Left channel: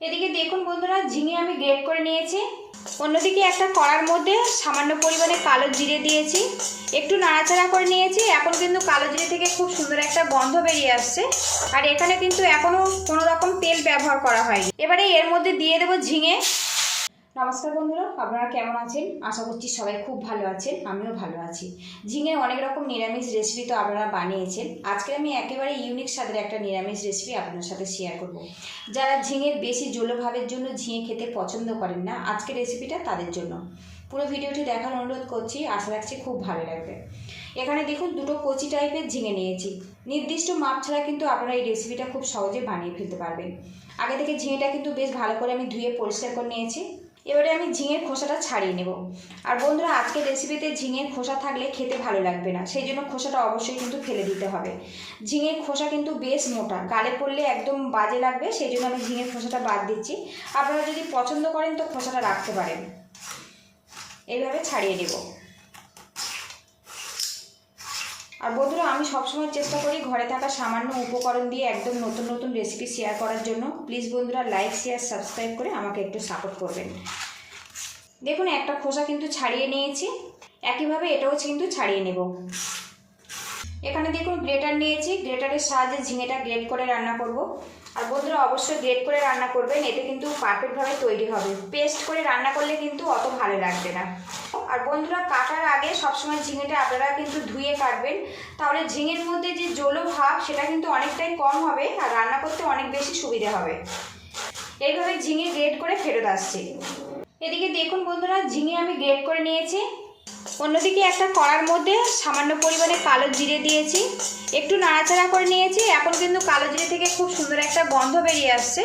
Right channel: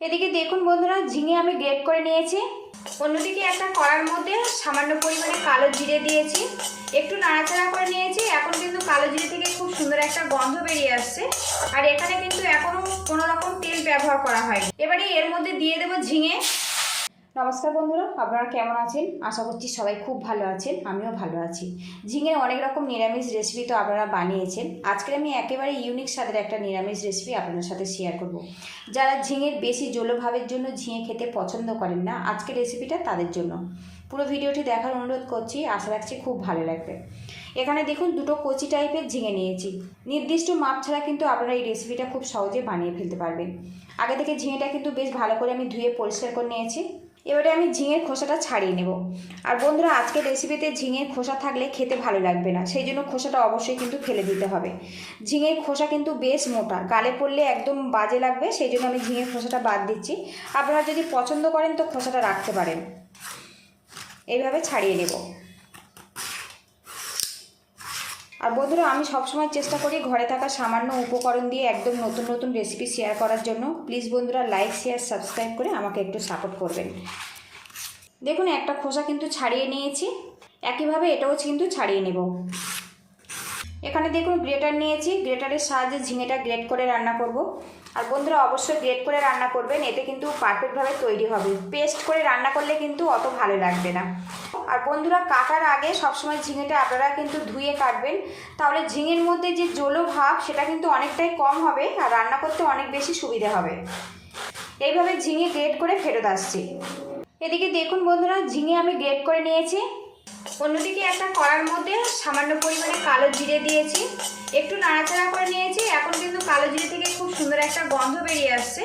এদিকে দেখুন বন্ধুরা, ঝিঙে আমি গ্রেট করে নিয়েছি। অন্যদিকে একটা কড়ার মধ্যে সামান্য পরিমাণে কালো জিরে দিয়েছি। একটু নাড়াচাড়া করে নিয়েছি, এখন কিন্তু কালো জিরে থেকে খুব সুন্দর একটা গন্ধ বেরিয়ে আসছে। আর এখানে কিন্তু এখনও কোনো রকম তেল ব্যবহার করা হয়নি। এবারে এর মধ্যে দিয়ে দেবো ঝিঙে। নমস্কার বন্ধুরা, আপনারা কেমন আছেন? আশা করছি সবাই খুব ভালো আছেন, আমিও ভালো আছি। ঝিঙের অনেক রকম নিরামিষ রেসিপি তো আপনারা বানিয়েছেন। আজকে আমি একেবারে ইউনিক স্বাদের একটা নিরামিষ রেসিপি আপনাদের সাথে শেয়ার করব। যারা ঝিঙের বেশি জলভাবের জন্য ঝিঙে খেতে পছন্দ করেন না, আজকের রেসিপিটা তাদের জন্য। পুরো ভিডিওটি দেখার অনুরোধ করছি, আশা রাখছি খুব ভালো লাগবে। এখানে দেখুন, দুটো কচি টাইপের ঝিঙে নিয়েছি। নির্দিষ্ট মাপ ছাড়া কিন্তু আপনারা এই রেসিপিটা খুব সহজে বানিয়ে ফেলতে পারবেন। আগে থেকে ঝিঙেটা কিন্তু বেশ ভালো করে আমি ধুয়ে পরিষ্কার করে নিয়েছি। এবারে আমি ঝিঙের খোসাটা ছাড়িয়ে নেব। আর বন্ধুরা আজকে রেসিপিতে ঝিঙের খোসা থাকলে খেতে ভালো লাগবে না, সেই জন্য খোসাটা অবশ্যই কিন্তু ফেলে দিতে হবে। ঝিঙের খোসা কিন্তু বেশ মোটা, গালে পড়লে একদম বাজে লাগবে, সেই জন্য আমি ঝিঙের খোসাটা বাদ দিচ্ছি। আপনারা যদি পছন্দ করেন তো খোসাটা রাখতে পারেন। এইভাবে ছাড়িয়ে নেব। আর বন্ধুরা, আমি সবসময় চেষ্টা করি ঘরে থাকা সামান্য উপকরণ দিয়ে একদম নতুন নতুন রেসিপি শেয়ার করার জন্য। প্লিজ বন্ধুরা লাইক শেয়ার সাবস্ক্রাইব করে আমাকে একটু সাপোর্ট করবেন। দেখুন, একটা খোসা কিন্তু ছাড়িয়ে নিয়েছি। একইভাবে এটাও কিন্তু ছাড়িয়ে নেব। এখানে দেখুন গ্রেটার নিয়েছি গ্রেটারের সাহায্যে ঝিঙেটা গ্রেট করে রান্না করব। আর বন্ধুরা, অবশ্যই গ্রেট করে রান্না করবেন, এতে কিন্তু পারফেক্টভাবে তৈরি হবে। পেস্ট করে রান্না করলে কিন্তু অত ভালো লাগবে না। আর বন্ধুরা, কাটার আগে সবসময় ঝিঙেটা আপনারা কিন্তু ধুয়ে কাটবেন। তাহলে ঝিঙের মধ্যে যে জলো ভাব, সেটা কিন্তু অনেকটাই কম হবে আর রান্না করতে অনেক বেশি সুবিধা হবে। এইভাবে ঝিঙে গ্রেট করে ফেরত আসছে। এদিকে দেখুন বন্ধুরা, ঝিঙে আমি গ্রেট করে নিয়েছি। অন্যদিকে একটা কড়ার মধ্যে সামান্য পরিমাণে কালো জিরে দিয়েছি। একটু নাড়াচাড়া করে নিয়েছি। এখন কিন্তু কালো জিরে থেকে খুব সুন্দর একটা গন্ধ বেরিয়ে আসছে।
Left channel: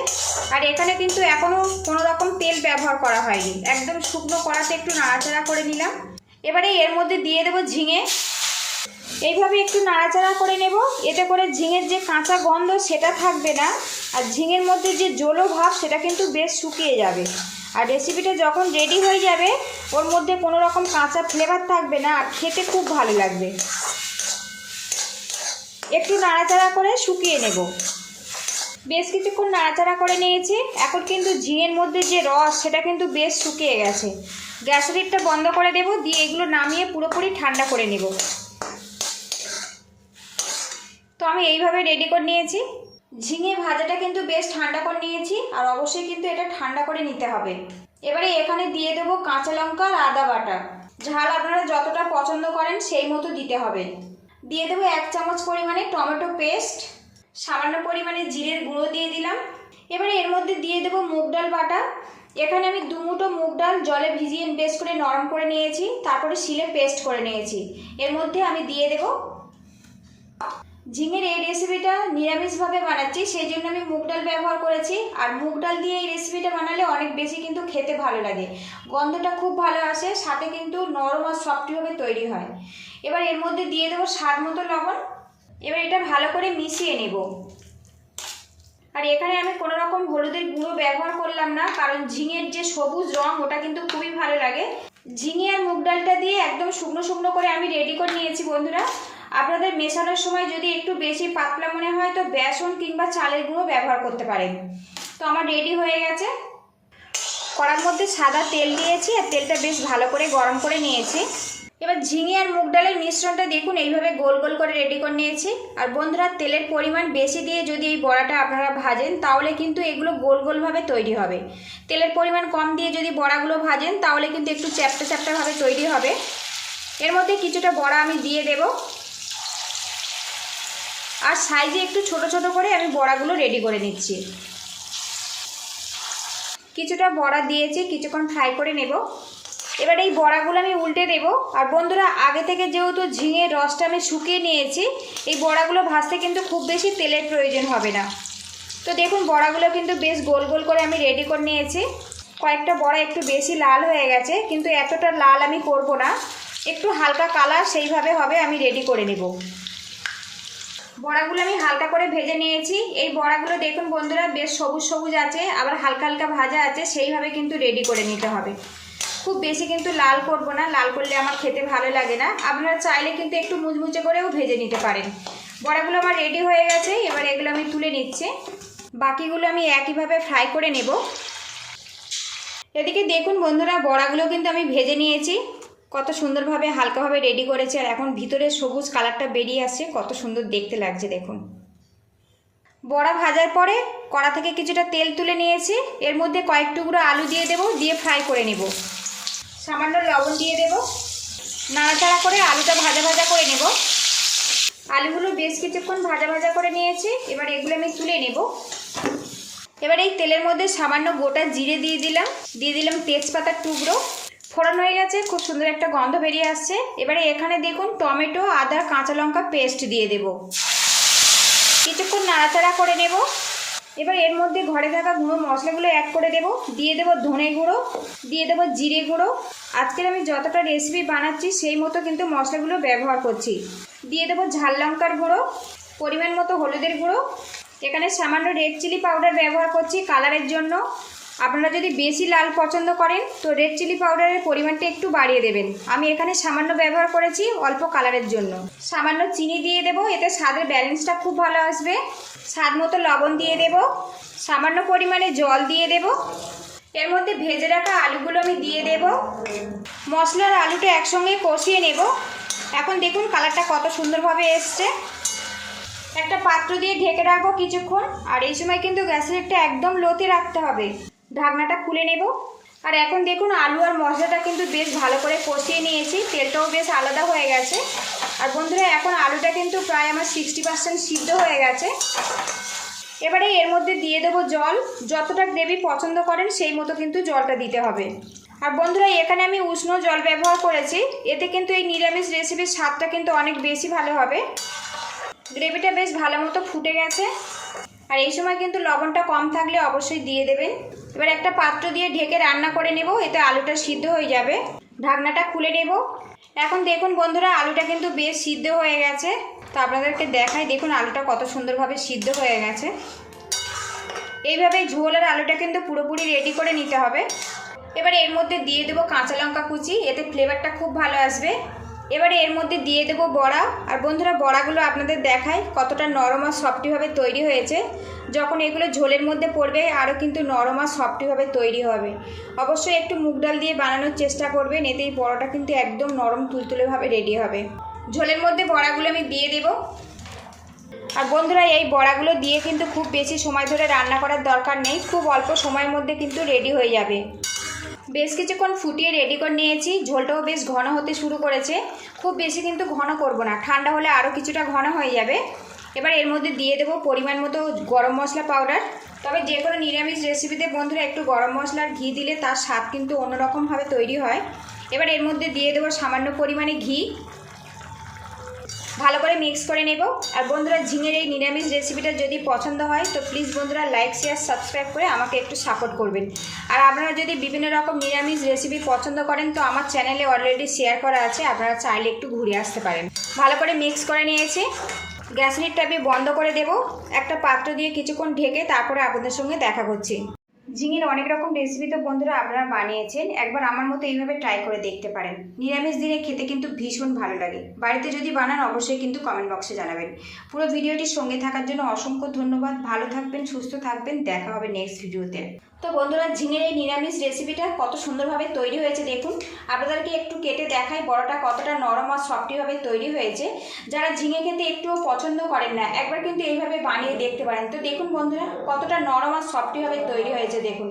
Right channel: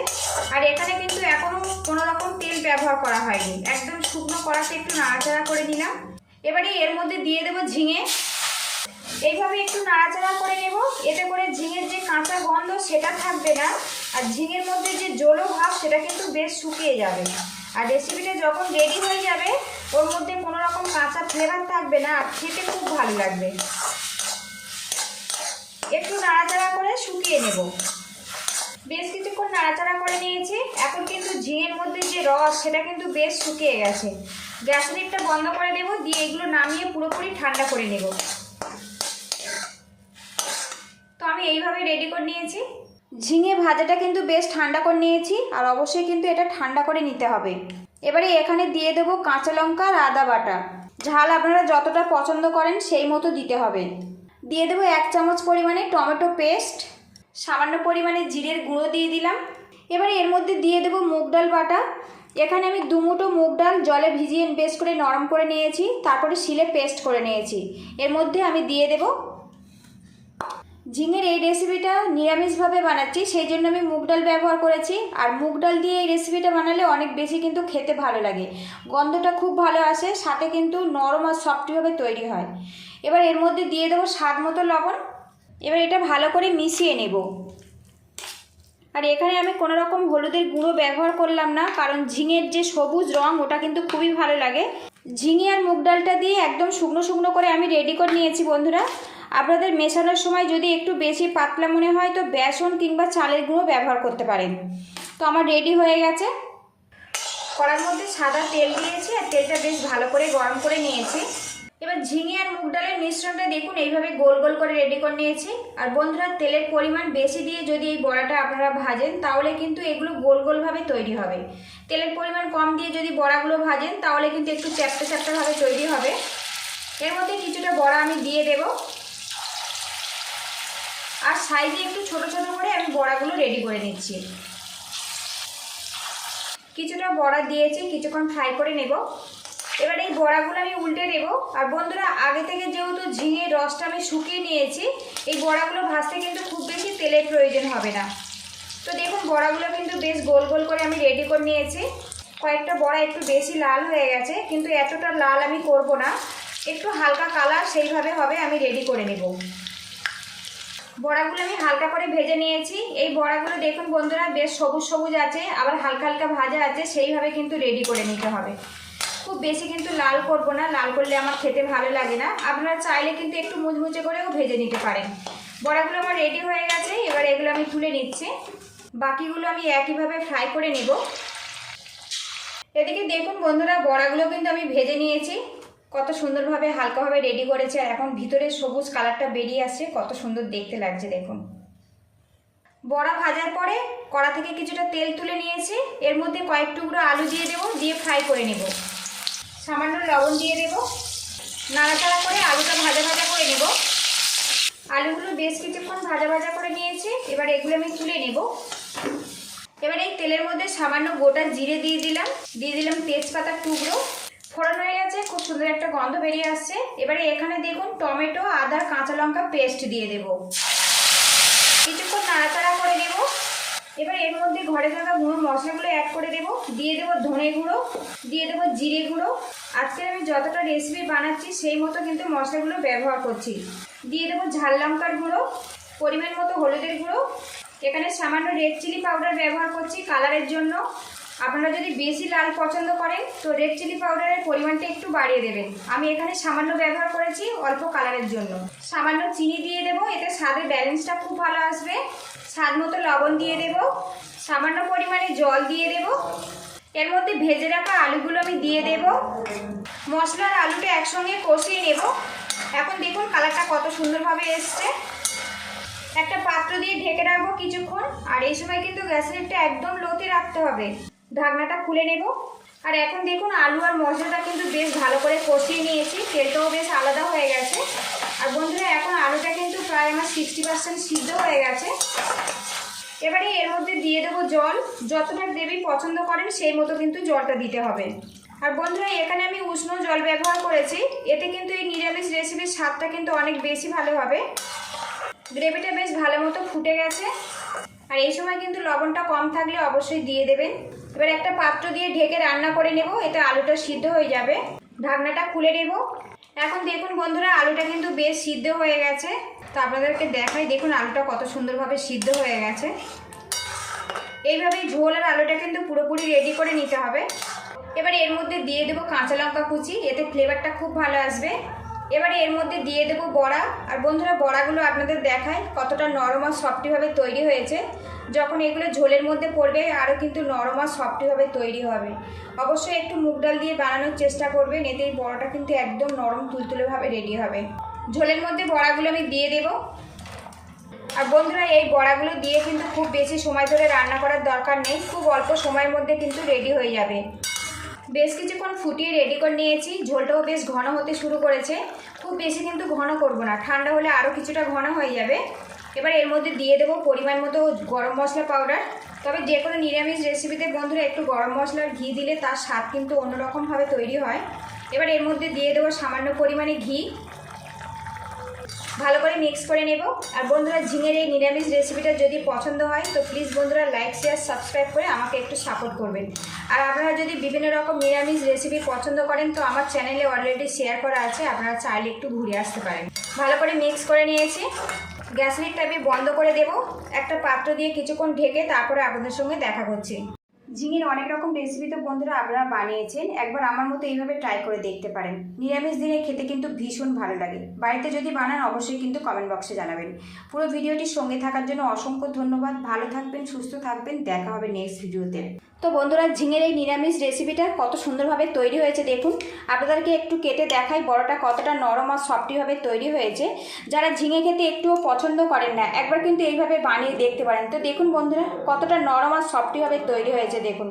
আর এখানে কিন্তু এখনও কোনো রকম তেল ব্যবহার করা হয়নি। একদম শুকনো কড়াতে একটু নাড়াচাড়া করে নিলাম। এবারে এর মধ্যে দিয়ে দেবো ঝিঙে। এইভাবে একটু নাড়াচাড়া করে নেব। এতে করে ঝিঙের যে কাঁচা গন্ধ সেটা থাকবে না। আর ঝিঙের মধ্যে যে জলো ভাব সেটা কিন্তু বেশ শুকিয়ে যাবে। আর রেসিপিটা যখন রেডি হয়ে যাবে, ওর মধ্যে কোনো রকম কাঁচা ফ্লেভার থাকবে না। আর খেতে খুব ভালো লাগবে। একটু নাড়াচাড়া করে শুকিয়ে নেব। বেশ কিছুক্ষণ নাড়াচাড়া করে নিয়েছি। এখন কিন্তু ঝিঙের মধ্যে যে রস, সেটা কিন্তু বেশ শুকিয়ে গেছে। গ্যাসের লিডটা বন্ধ করে দেবো, দিয়ে এগুলো নামিয়ে পুরোপুরি ঠান্ডা করে নেব। তো আমি এইভাবে রেডি করে নিয়েছি। ঝিঙে ভাজাটা কিন্তু বেশ ঠান্ডা করে নিয়েছি, আর অবশ্যই কিন্তু এটা ঠান্ডা করে নিতে হবে। এবারে এখানে দিয়ে দেবো কাঁচা লঙ্কা আর আদা বাটা। ঝাল আপনারা যতটা পছন্দ করেন সেই মতো দিতে হবে। দিয়ে দেবো এক চামচ পরিমাণে টমেটো পেস্ট, সামান্য পরিমাণে জিরের গুঁড়ো দিয়ে দিলাম। এবারে এর মধ্যে দিয়ে দেবো মুগ ডাল বাটা। এখানে আমি দুমুটো মুগ ডাল জলে ভিজিয়ে বেশ করে নরম করে নিয়েছি, তারপরে শিলে পেস্ট করে নিয়েছি। এর মধ্যে আমি দিয়ে দেবো ঝিঙের এই রেসিপিটা নিরামিষভাবে বানাচ্ছি, সেই জন্য আমি মুগ ডাল ব্যবহার করেছি। আর মুগ ডাল দিয়ে এই রেসিপিটা বানালে অনেক বেশি কিন্তু খেতে ভালো লাগে। গন্ধটা খুব ভালো আসে, সাথে কিন্তু নরম আর সফটভাবে তৈরি হয়। এবার এর মধ্যে দিয়ে দেবো স্বাদ মতো লবণ। এবার এটা ভালো করে মিশিয়ে নেব। আর এখানে আমি কোনো রকম হলুদের গুঁড়ো ব্যবহার করলাম না, কারণ ঝিঙের যে সবুজ রং, ওটা কিন্তু খুবই ভালো লাগে। ঝিঙে আর মুগ ডালটা দিয়ে একদম শুকনো শুকনো করে আমি রেডি করে নিয়েছি বন্ধুরা। আপনাদের মেশানোর সময় যদি একটু বেশি পাতলা মনে হয়, তো বেসন কিংবা চালের গুঁড়ো ব্যবহার করতে পারেন। তো আমার রেডি হয়ে গেছে। কড়ার মধ্যে সাদা তেল দিয়েছি, আর তেলটা বেশ ভালো করে গরম করে নিয়েছি। এবার ঝিঙে আর মুগ ডালের মিশ্রণটা দেখুন, এইভাবে গোল গোল করে রেডি করে নিয়েছি। আর বন্ধুরা, তেলের পরিমাণ বেশি দিয়ে যদি এই বড়াটা আপনারা ভাজেন, তাহলে কিন্তু এগুলো গোল গোলভাবে তৈরি হবে। তেলের পরিমাণ কম দিয়ে যদি বড়াগুলো ভাজেন, তাহলে কিন্তু একটু চ্যাপটা চ্যাপটাভাবে তৈরি হবে। এর মধ্যে কিছুটা বড়া আমি দিয়ে দেবো। আর সাইজে একটু ছোট ছোট করে আমি বড়াগুলো রেডি করে নিচ্ছি। কিছুটা বড়া দিয়েছি, কিছুক্ষণ ফ্রাই করে নেব। এবার এই বড়াগুলো আমি উল্টে দেব। আর বন্ধুরা, আগে থেকে যেহেতু ঝিঙের রসটা আমি শুকিয়ে নিয়েছি, এই বড়াগুলো ভাজতে কিন্তু খুব বেশি তেলের প্রয়োজন হবে না। তো দেখুন, বড়াগুলো কিন্তু বেশ গোল গোল করে আমি রেডি করে নিয়েছি। কয়েকটা বড়া একটু বেশি লাল হয়ে গেছে, কিন্তু এতটা লাল আমি করব না। একটু হালকা কালার সেইভাবে হবে, আমি রেডি করে নেব। বড়াগুলো আমি হালকা করে ভেজে নিয়েছি। এই বড়াগুলো দেখুন বন্ধুরা, বেশ সবুজ সবুজ আছে, আবার হালকা হালকা ভাজা আছে, সেইভাবে কিন্তু রেডি করে নিতে হবে। খুব বেশি কিন্তু লাল করব না, লাল করলে আমার খেতে ভালো লাগে না। আপনারা চাইলে কিন্তু একটু মুচমুচে করেও ভেজে নিতে পারেন। বড়াগুলো আমার রেডি হয়ে গেছে, এবার এগুলো আমি তুলে নিচ্ছি। বাকিগুলো আমি একইভাবে ফ্রাই করে নেব। এদিকে দেখুন বন্ধুরা, বড়াগুলো কিন্তু আমি ভেজে নিয়েছি। কত সুন্দরভাবে হালকাভাবে রেডি করেছে, আর এখন ভিতরে সবুজ কালারটা বেরিয়ে আসছে, কত সুন্দর দেখতে লাগছে, দেখুন। বড়া ভাজার পরে কড়া থেকে কিছুটা তেল তুলে নিয়েছি, এর মধ্যে কয়েক টুকরো আলু দিয়ে দেবো, দিয়ে ফ্রাই করে নেব। সামান্য লবণ দিয়ে দেবো। নাড়াচাড়া করে আলুটা ভাজা ভাজা করে নেব। আলুগুলো বেশ কিছুক্ষণ ভাজা ভাজা করে নিয়েছি। এবার এগুলো আমি তুলে নেব। এবার এই তেলের মধ্যে সামান্য গোটা জিরে দিয়ে দিলাম। দিয়ে দিলাম তেজপাতার টুকরো। ফোড়ন হয়ে গেছে, খুব সুন্দর একটা গন্ধ বেরিয়ে আসছে। এবারে এখানে দেখুন টমেটো, আদা, কাঁচা লঙ্কা পেস্ট দিয়ে দেব কিছুক্ষণ নাড়াচাড়া করে নেব এবার এর মধ্যে ঘরে থাকা গুঁড়ো মশলাগুলো অ্যাড করে দেব। দিয়ে দেবো ধনে গুঁড়ো, দিয়ে দেবো জিরে গুঁড়ো। আজকের আমি যতটা রেসিপি বানাচ্ছি, সেই মতো কিন্তু মশলাগুলো ব্যবহার করছি। দিয়ে দেবো ঝাল লঙ্কার গুঁড়ো, পরিমাণ মতো হলুদের গুঁড়ো। এখানে সামান্য রেড চিলি পাউডার ব্যবহার করছি কালারের জন্য। আপনারা যদি বেশি লাল পছন্দ করেন, তো রেড চিলি পাউডারের পরিমাণটা একটু বাড়িয়ে দেবেন। আমি এখানে সামান্য ব্যবহার করেছি অল্প কালারের জন্য। সামান্য চিনি দিয়ে দেবো, এতে স্বাদের ব্যালেন্সটা খুব ভালো আসবে। স্বাদ মতো লবণ দিয়ে দেব, সামান্য পরিমাণে জল দিয়ে দেব। এর মধ্যে ভেজে রাখা আলুগুলো আমি দিয়ে দেব। মশলার আলুটা একসঙ্গে কষিয়ে নেব। এখন দেখুন কালারটা কত সুন্দরভাবে এসছে। একটা পাত্র দিয়ে ঢেকে রাখব কিছুক্ষণ, আর এই সময় কিন্তু গ্যাসের একটা একদম লোতে রাখতে হবে। ঢাকনাটা খুলে নেব। আর এখন দেখুন আলু আর মশলাটা কিন্তু বেশ ভালো করে কষিয়ে নিয়েছি, তেলটাও বেশ আলাদা হয়ে গেছে। আর বন্ধুরা, এখন আলুটা কিন্তু প্রায় আমার সিক্সটি পার্সেন্ট সিদ্ধ হয়ে গেছে। এবারে এর মধ্যে দিয়ে দেবো জল। যতটা গ্রেভি পছন্দ করেন সেই মতো কিন্তু জলটা দিতে হবে। আর বন্ধুরা, এখানে আমি উষ্ণ জল ব্যবহার করেছি। এতে কিন্তু এই নিরামিষ রেসিপির স্বাদটা কিন্তু অনেক বেশি ভালো হবে। গ্রেভিটা বেশ ভালো মতো ফুটে গেছে। আর এই সময় কিন্তু লবণটা কম থাকলে অবশ্যই দিয়ে দেবেন। এবার একটা পাত্র দিয়ে ঢেকে রান্না করে নেব, এতে আলুটা সিদ্ধ হয়ে যাবে। ঢাকনাটা খুলে নেব। এখন দেখুন বন্ধুরা, আলুটা কিন্তু বেশ সিদ্ধ হয়ে গেছে। তো আপনাদেরকে দেখাই, দেখুন আলুটা কত সুন্দরভাবে সিদ্ধ হয়ে গেছে। এইভাবে ঝোল আর আলুটা কিন্তু পুরোপুরি রেডি করে নিতে হবে। এবার এর মধ্যে দিয়ে দেবো কাঁচা লঙ্কা কুচি, এতে ফ্লেভারটা খুব ভালো আসবে। এবারে এর মধ্যে দিয়ে দেবো বড়া। আর বন্ধুরা, বড়াগুলো আপনাদের দেখায় কতটা নরম আর সফটিভাবে তৈরি হয়েছে। যখন এগুলো ঝোলের মধ্যে পড়বে, আরও কিন্তু নরম আর সফটিভাবে তৈরি হবে। অবশ্যই একটু মুগ ডাল দিয়ে বানানোর চেষ্টা করবেন, এতে এই বড়াটা কিন্তু একদম নরম তুলতুলেভাবে রেডি হবে। ঝোলের মধ্যে বড়াগুলো আমি দিয়ে দেবো। আর বন্ধুরা, এই বড়াগুলো দিয়ে কিন্তু খুব বেশি সময় ধরে রান্না করার দরকার নেই, খুব অল্প সময়ের মধ্যে কিন্তু রেডি হয়ে যাবে। বেশ কিছুক্ষণ ফুটিয়ে রেডি করে নিয়েছি। ঝোলটাও বেশ ঘন হতে শুরু করেছে। খুব বেশি কিন্তু ঘন করব না। ঠান্ডা হলে আরও কিছুটা ঘন হয়ে যাবে। এবার এর মধ্যে দিয়ে দেবো পরিমাণ মতো গরম মশলা পাউডার তবে যে কোনো নিরামিষ রেসিপিতে বন্ধুরা একটু গরম মশলার ঘি দিলে তার স্বাদ কিন্তু অন্যরকমভাবে তৈরি হয়। এবার এর মধ্যে দিয়ে দেবো সামান্য পরিমাণে ঘি। ভালো করে মিক্স করে নেব। আর বন্ধুরা, ঝিঙের এই নিরামিষ রেসিপিটা যদি পছন্দ হয়, তো প্লিজ বন্ধুরা লাইক শেয়ার সাবস্ক্রাইব করে আমাকে একটু সাপোর্ট করবেন। আর আপনারা যদি বিভিন্ন রকম নিরামিষ রেসিপি পছন্দ করেন, তো আমার চ্যানেলে অলরেডি শেয়ার করা আছে, আপনারা চাইলে একটু ঘুরে আসতে পারেন। ভালো করে মিক্স করে নিয়েছি। গ্যাস লিডটা আমি বন্ধ করে দেব। একটা পাত্র দিয়ে কিছুক্ষণ ঢেকে তারপরে আপনাদের সঙ্গে দেখা করছি। ঝিঙের অনেক রকম রেসিপি তো বন্ধুরা আপনারা বানিয়েছেন। একবার আমার মতো এইভাবে ট্রাই করে দেখতে পারেন। নিরামিষ দিনে খেতে কিন্তু ভীষণ ভালো লাগে। বাড়িতে যদি বানান, অবশ্যই কিন্তু কমেন্ট বক্সে জানাবেন। পুরো ভিডিওটির সঙ্গে থাকার জন্য অসংখ্য ধন্যবাদ। ভালো থাকবেন, সুস্থ থাকবেন। দেখা হবে নেক্সট ভিডিওতে তো বন্ধুরা, ঝিঙের এই নিরামিষ রেসিপিটা কত সুন্দরভাবে তৈরি হয়েছে দেখুন। আপনাদেরকে একটু কেটে দেখাই, বড়টা কতটা নরম আর সফটিভাবে তৈরি হয়েছে। যারা ঝিঙে খেতে একটুও পছন্দ করেন না, একবার কিন্তু এইভাবে বানিয়ে দেখতে পারেন। তো দেখুন বন্ধুরা, কতটা নরম আর সফটিভাবে তৈরি হয়েছে দেখুন।